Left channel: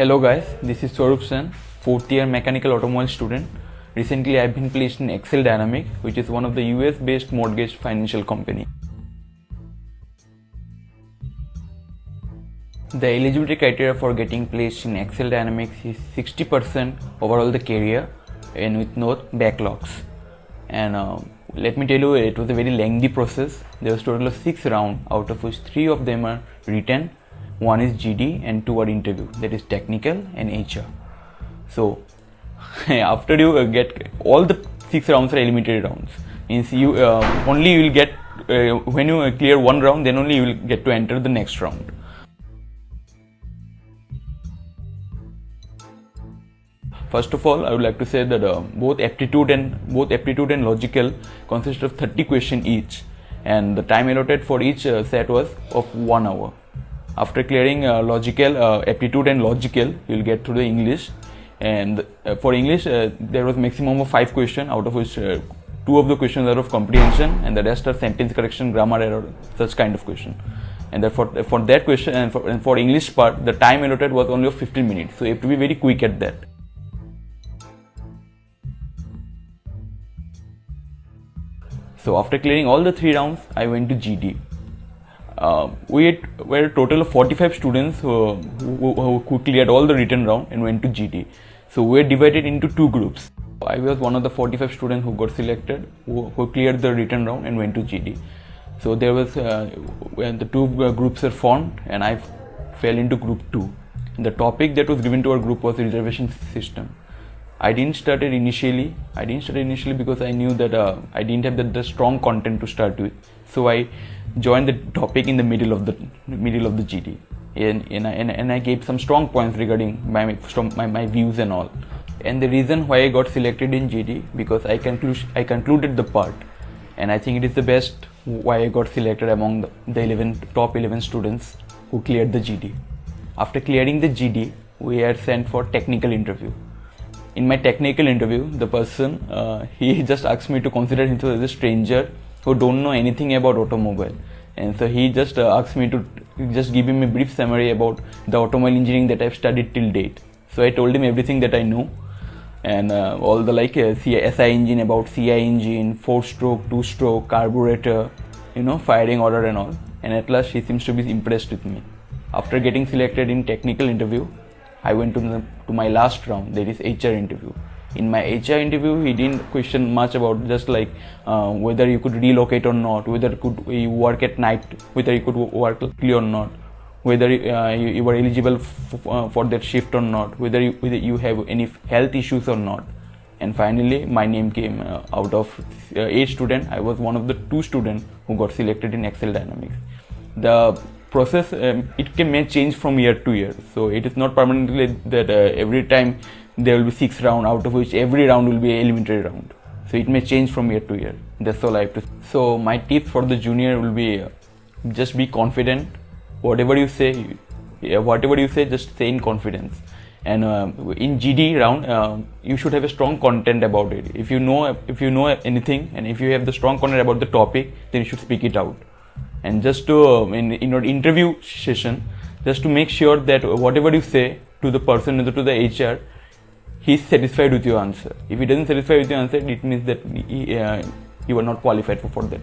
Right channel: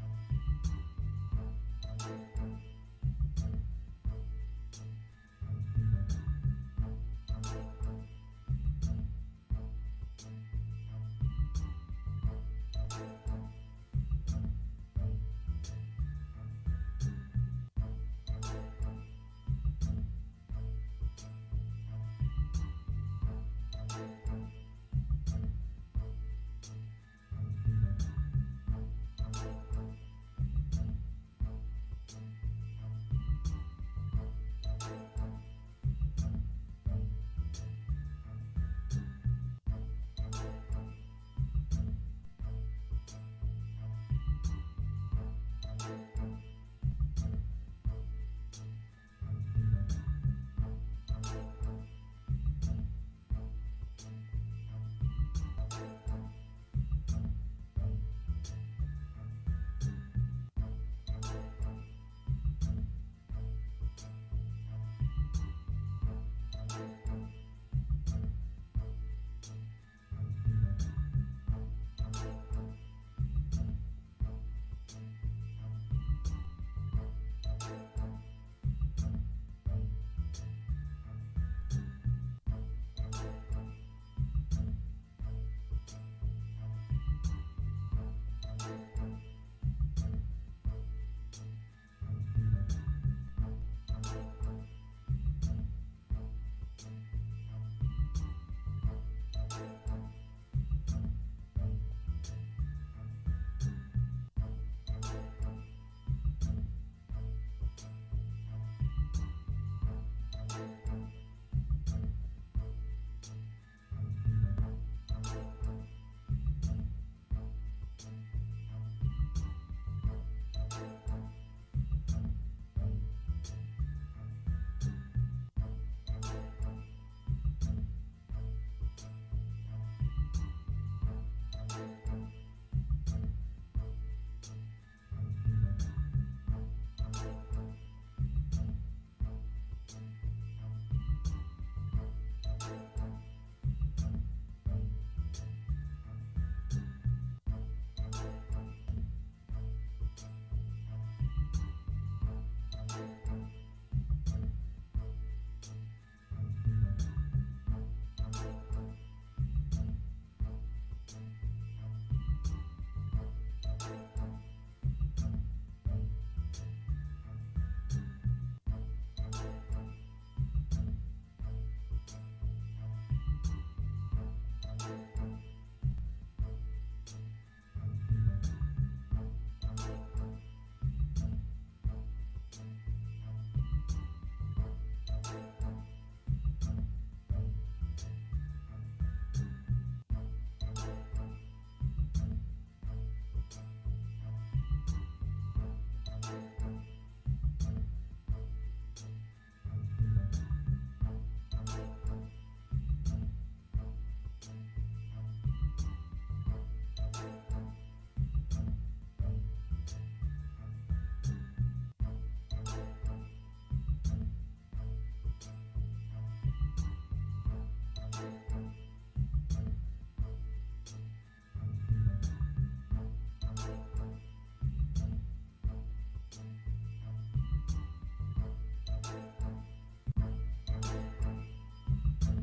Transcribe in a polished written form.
Hello guys, this is Swarup Sen, 4th year mechanical automobile student. Recently I have been placed in Excel Dynamics, which is one of the US based mortgage financial company. The eligibility criteria for getting placed in Excel Dynamics is 60% overall the career and with no backlogs. And let me tell you, it was a very lengthy process. There was a total of 6 rounds, out of which 3 of them are written. 1 is GD and 2 are interview, that is technical and HR. So after you get all the 6 rounds are eliminated rounds, means you only you will get when you clear 1 round, then only you will get to enter the next round. First of all, I would like to say that both aptitude and logical consist of 30 questions each, and the time allotted for each set was of 1 hour. After clearing aptitude and logical, you will get through the English, and for English there was maximum of 5 questions, out of which 2 of the questions are of comprehension and the rest are sentence correction, grammar error, such kind of question. And therefore for that question and for English part, the time allotted was only of 15 minutes, so you have to be very quick at that. So after clearing all the 3 rounds, I went to GD. We were a total of 45 students who cleared all the written round and went to GD. So we were divided into 2 groups. I was one of the 45 students who got selected, who cleared the written round and went to GD. So there was when the 2 groups were formed, and I fell into group 2. And the topic that was given to our group was reservation system. I didn't start it initially because I knew that I didn't have the strong content to start with. So I joined the topic in the middle of the GD, and I gave some strong points regarding my views and all. And the reason why I got selected in GD, because I concluded the part, and I think it is the best why I got selected among the top 11 students who cleared the GD. After clearing the GD, we are sent for technical interview. In my technical interview, the person he just asked me to consider himself as a stranger who don't know anything about automobile, and so he just asked me to just give him a brief summary about the automobile engineering that I've studied till date. So I told him everything that I know, and all the SI engine, about CI engine, 4-stroke, 2-stroke, carburetor, firing order and all. And at last he seems to be impressed with me. After getting selected in technical interview, I went to my last round, that is HR interview. In my HR interview, he didn't question much about just whether you could relocate or not, whether you work at night, whether you could work early or not, whether you were eligible for that shift or not, whether you have any health issues or not. And finally, my name came out of 8 students. I was one of the 2 students who got selected in Excel Dynamics. The process may change from year to year, so it is not permanently that every time there will be 6 rounds, out of which every round will be an eliminatory round. So it may change from year to year. That's all I have to say. So my tips for the junior will be just be confident. Whatever you say, just say in confidence. And in GD round, you should have a strong content about it. If you know anything, and if you have the strong content about the topic, then you should speak it out. And just to in your interview session, just to make sure that whatever you say to the person, to the HR, he is satisfied with your answer. If he doesn't satisfy with your answer, it means that you are not qualified for that.